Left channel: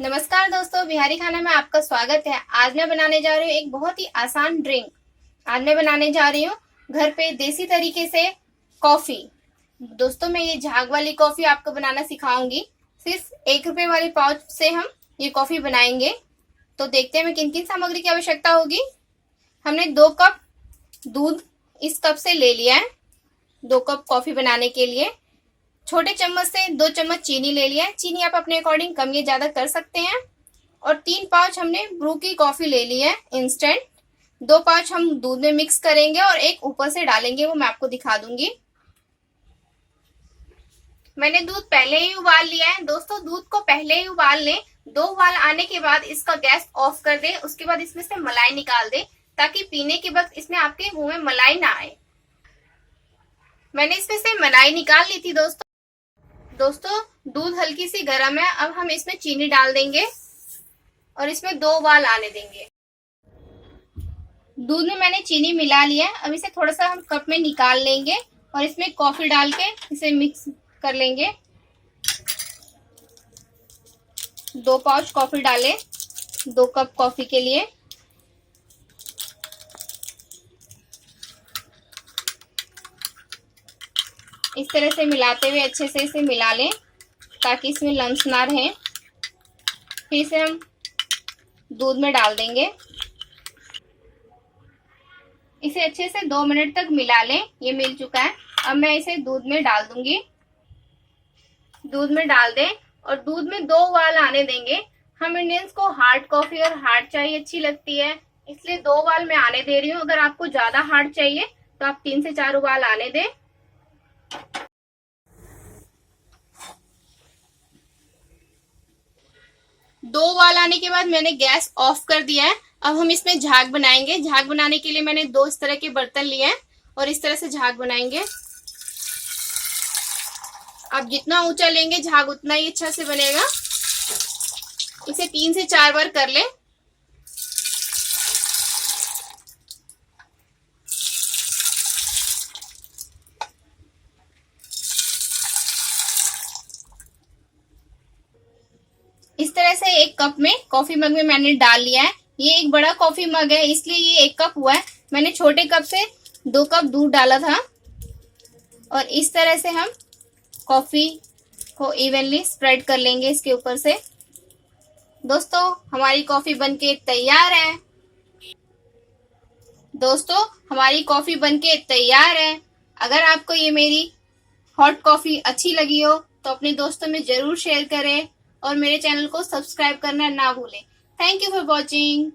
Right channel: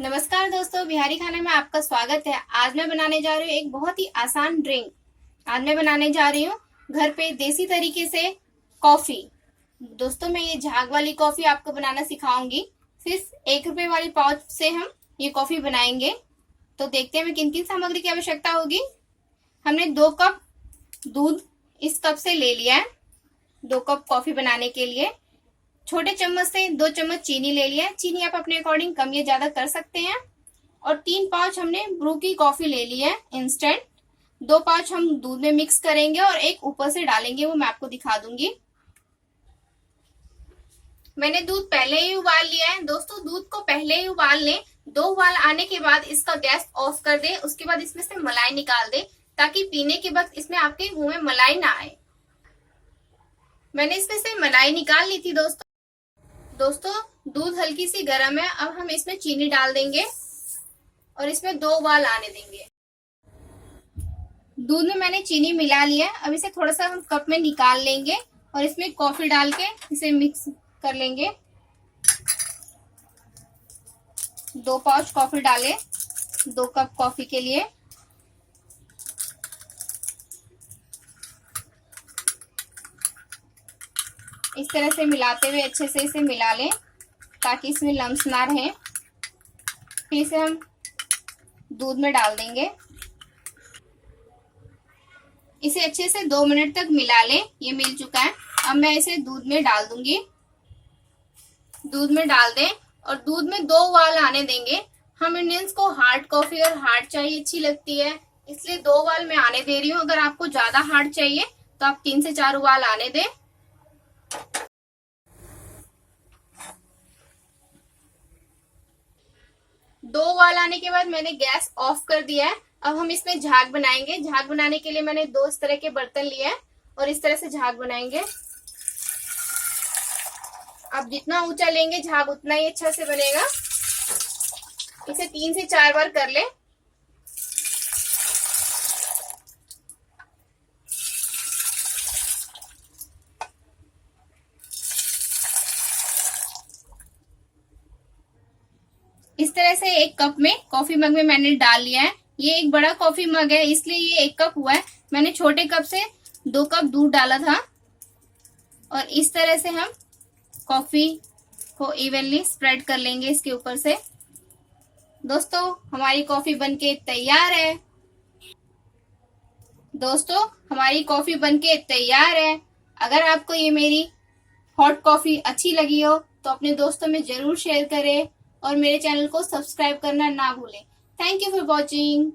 नमस्कार दोस्तों, बिहारी खाने में आपका स्वागत है। आज मैं बनाने जा रही हूँ एक बहुत ही आसान ड्रिंक। आज मैं बनाने जा रही हूँ घर पे देसी तरीके से कॉफी। दोस्तों, मैं ये झाग वाली कॉफी आपको बनाना सिखाऊंगी। सिर्फ 1 रुपए वाली पाउच से हम ये कॉफी बनाएंगे। तो देखते हैं मैं किन किन सामग्री की आवश्यकता होगी। हमने 2 कप दूध इस कप से ले लिया है 2 कप कॉफी बनाने के लिए। छोटे चम्मच से 2 चम्मच चीनी ले लिया है। चीनी आप अपने अकॉर्डिंग कम या ज्यादा कर सकते हैं। और 3 पाउच हमने ब्रू की कॉफी ले ली है इंस्टेंट। 2 पाउच हम दूध में मिक्स करेंगे और एक ऊपर से डालेंगे, वो मैं आपको दिखा दूंगी। मैंने दूध पहले ही उबाल लिया है। दोस्तों, दूध को पहले ही उबाल लें। 2 उबाल आने के बाद इसका गैस ऑफ कर दें। उसके बाद इसमें से मलाई निकाल दें ताकि पीने के वक्त इसमें आपके मुंह में मलाई ना आए। मैंने इसमें से मलाई निकाल ली थी। दोस्तों, दूध हल्की सी गर्म है। अब हम इसमें चीनी डाल देंगे और इसमें 2 उबाल आने देंगे। दूध में मैंने चीनी मिला लिया है। अब इसे थोड़ा सा हम कप में निकाल लेंगे और इसमें कॉफी डाल के इसे मिक्स कर लेंगे। 2 पाउच कॉफी डालें 2 कप कॉफी के लिए। इस तरह से मिलाते हुए अच्छे से इसे मिला लें ताकि इसमें लम्स ना रहे। फिर इसे हम दूध में डाल देंगे। इसे अच्छे से 2 मिनट तक मिला लें। ये मिल चुका है। अब मैं इसे दूध में डाल दूंगी। दूध में डाल दें और दूध में 2 उबाल आने देंगे। हम इंडियंस को हार्ड कॉफी और हार्ड चाय अच्छी लगती है, इसलिए 2 उबाल मैं आने दे रही हूँ। अगर आपको ज्यादा हार्ड चाहिए तो आप 3 से 4 उबाल आने दें। 2 उबाल आने के बाद मैंने गैस ऑफ कर दिया है। अब हम इसमें झाग बनाएंगे। झाग बनाने के लिए मैंने 2 इस तरह के बर्तन लिए हैं और इस तरह से झाग बनाएंगे। आप जितना ऊंचा लेंगे झाग उतना ही अच्छा से बनेगा। इसे 3 से 4 बार कर लें। इस तरह से 1 कप में कॉफी मग में मैंने डाल लिया है। ये एक बड़ा कॉफी मग है, इसलिए ये 1 कप हुआ है। मैंने छोटे कप से 2 कप दूध डाला था। और इस तरह से हम कॉफी को इवनली स्प्रेड कर लेंगे इसके ऊपर से। दोस्तों, हमारी कॉफी बनके तैयार है। अगर आपको ये मेरी हॉट कॉफी अच्छी लगी हो तो अपने दोस्तों में जरूर शेयर करें और मेरे चैनल को सब्सक्राइब करना ना भूलें। Thank you for watching.